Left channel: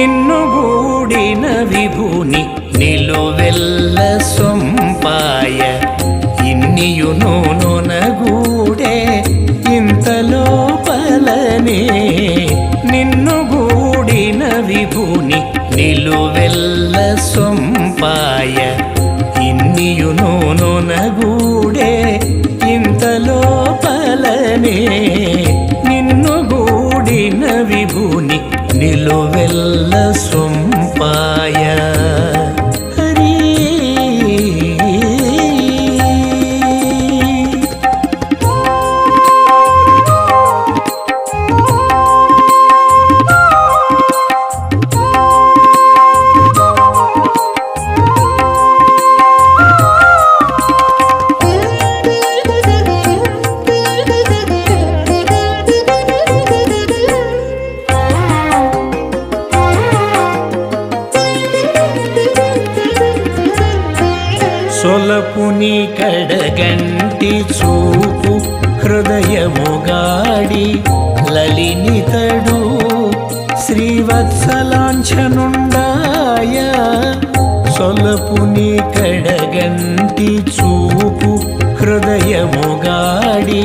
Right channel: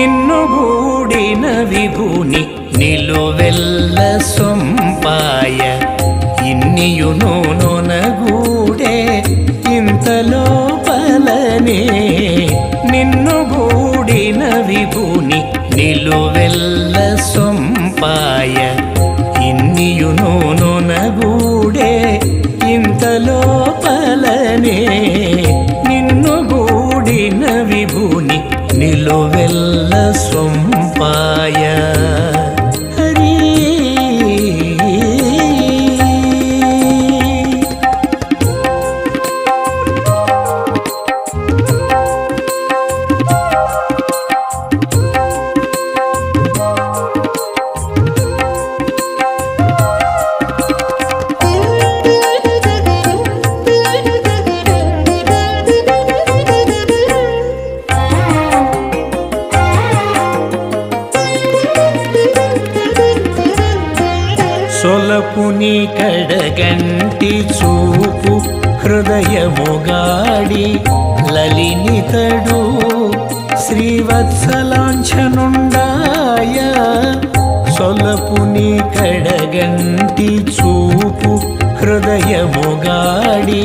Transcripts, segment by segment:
నిన్ను గూడిన విభుని నిలువెల్ల సొంపాయ. ఇన్నియును నొనగూడే ఇంతలో పలనే నిన్ను గూడిన విభుని నిలువెల్ల సొంపాయ. ఇన్నియును నొనగూడే ఇంతలో పలనే నిన్ను గూడిన విభూని నిలువెల్ల సొంపాయ. హరీ సొలపుని కడగంటి చూపు హృదయముగాడి లలినితడు శ్రీవత్సలాంఛనుండాయ సొలపుని కడగంటి చూపు హృదయముగాడి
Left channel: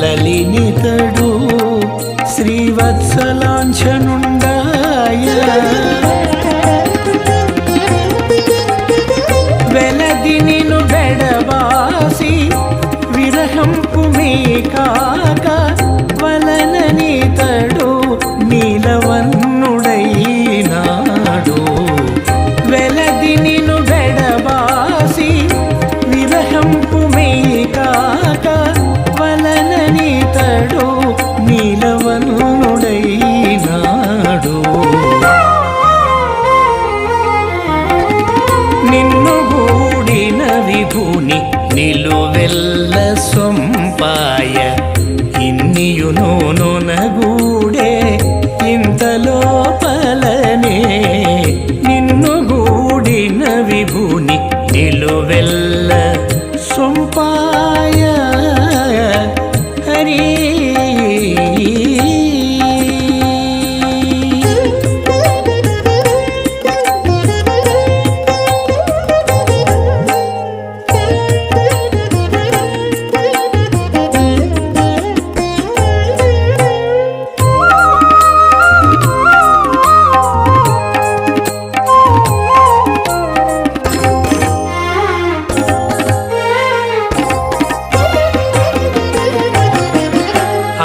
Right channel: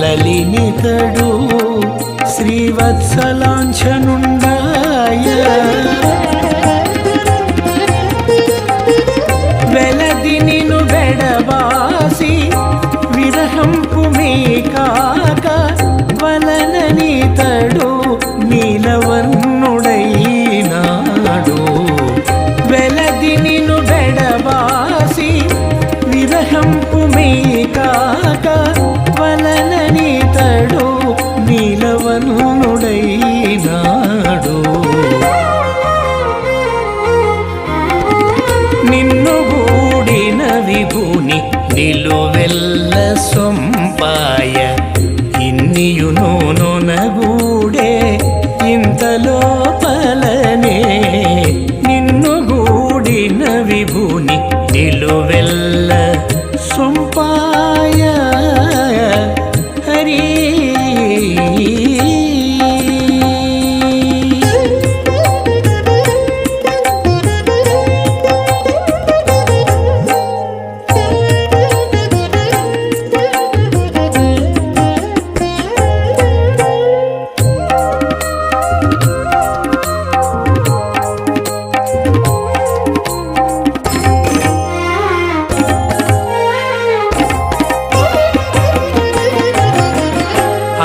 లలినితడు శ్రీవత్సలాంఛనుండాయ. వెలది నిను బెడబాసి విరహంపు మీ కాక వలనని తడు నీలవన్నుడైనాడు. వెలది నిను బెడబాసి విరహంపు మీ కాక వలనని తడు నాడు నిన్ను గూడిన విభూని నిలువెల్ల సొంపాయ. ఇన్నియును నొనగూడే ఇంతలో పలనే నిన్ను గూడిన విభూని నిలువెల్ల సొంపాయ. హరి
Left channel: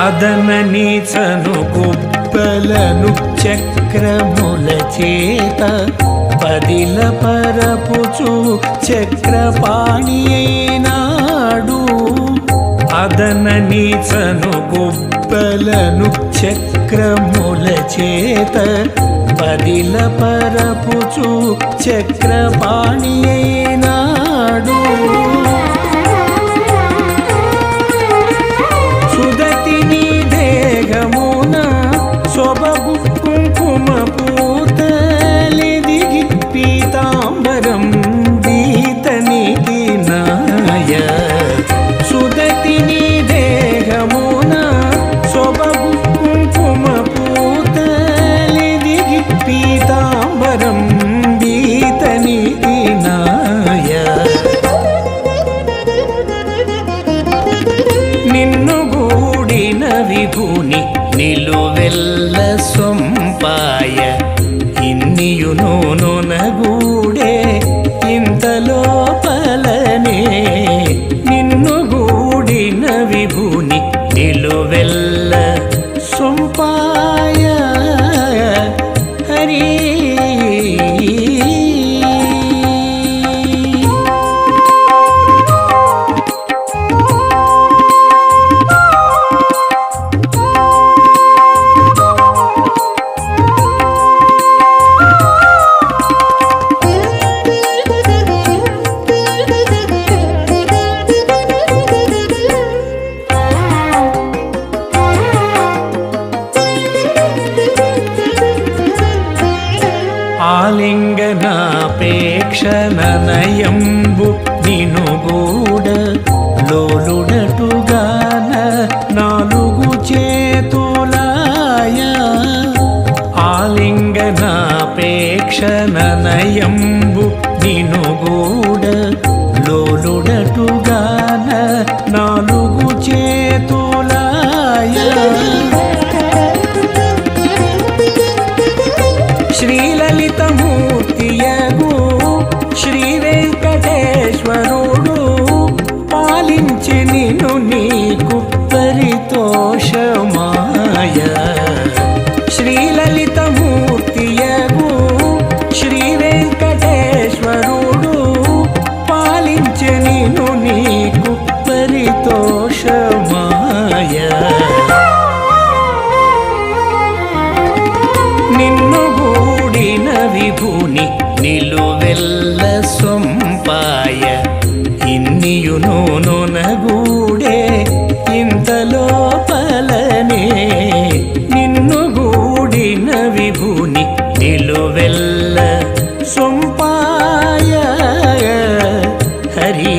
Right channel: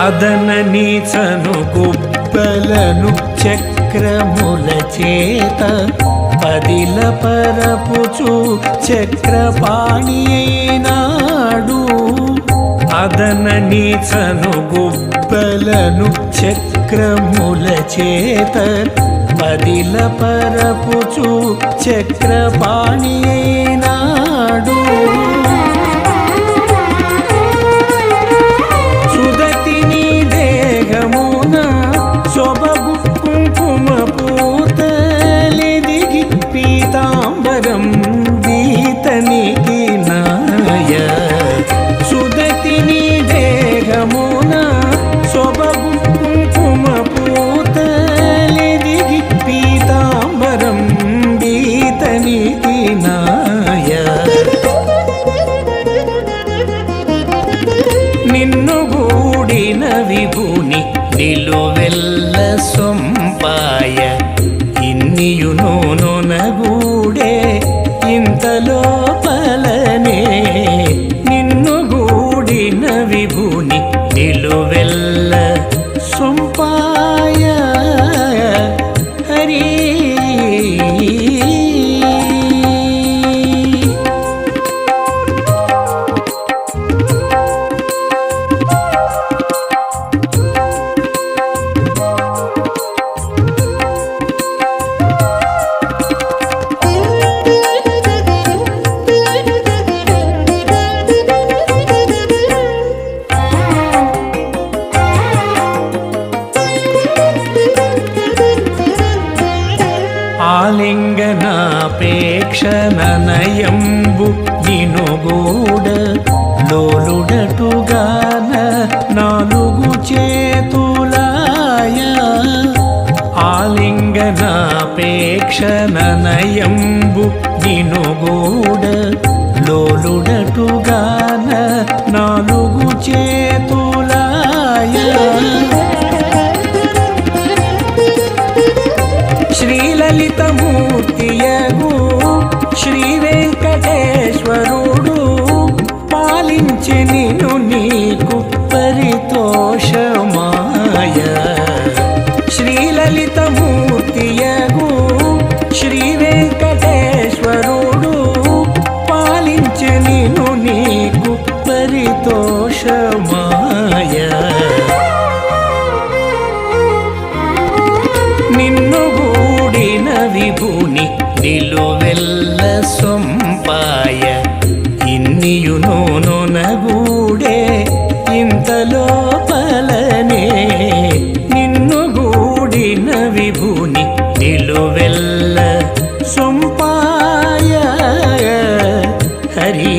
అదనని నీచను గుబ్బలను చక్రముల చేత పదిల పరపుచు చక్రపాణి అయినాడు అదన నీచను గుబ్బలను చక్రముల చేత పదిల పరపుచు చక్రపాణి అయినాడు సుదతిని దేహమున సొబగు కుంకుమ పూతలిదిగి పీతాంబరం బీతనికి నాయ. సుదతి నీ దేహమున సొబగు కుంకుమ పూతలిదిగి పీతాంబరం బీతనికి నాయ. నిన్ను కూడిన విభూని నిలువెల్ల సొంపాయ. ఇన్నియును నొనగూడే ఇంతలో పలనే నిన్ను గూడిన విభూని నిలువెల్ల సొంపాయ. హరీ ఆలింగనాపేక్ష ననయంబు నినుగూడ లోలుడటుగాన నాలుగు చేతులాయ. ఆలింగనాపేక్షణనయంబు నినుగూడ లోలుడటుగాన నాలుగు చేతులాయ. శ్రీలలితమూర్తియగు శ్రీ వెంకటేశ్వరుడు పాలించి నిను నీకు పరితోషమాయ. శ్రీలలితమూర్తియగు శ్రీ వెంకటేశ్వరుడు పాలించి నిను నీకు పరితోషమాయ. నిన్ను గూడిన విభూని నిలువెల్ల సొంపాయ. ఇన్నియును నొనగూడే ఇంతలోపలనే నిన్ను గూడిన విభూని నిలువెల్ల సొంపాయ. హరీ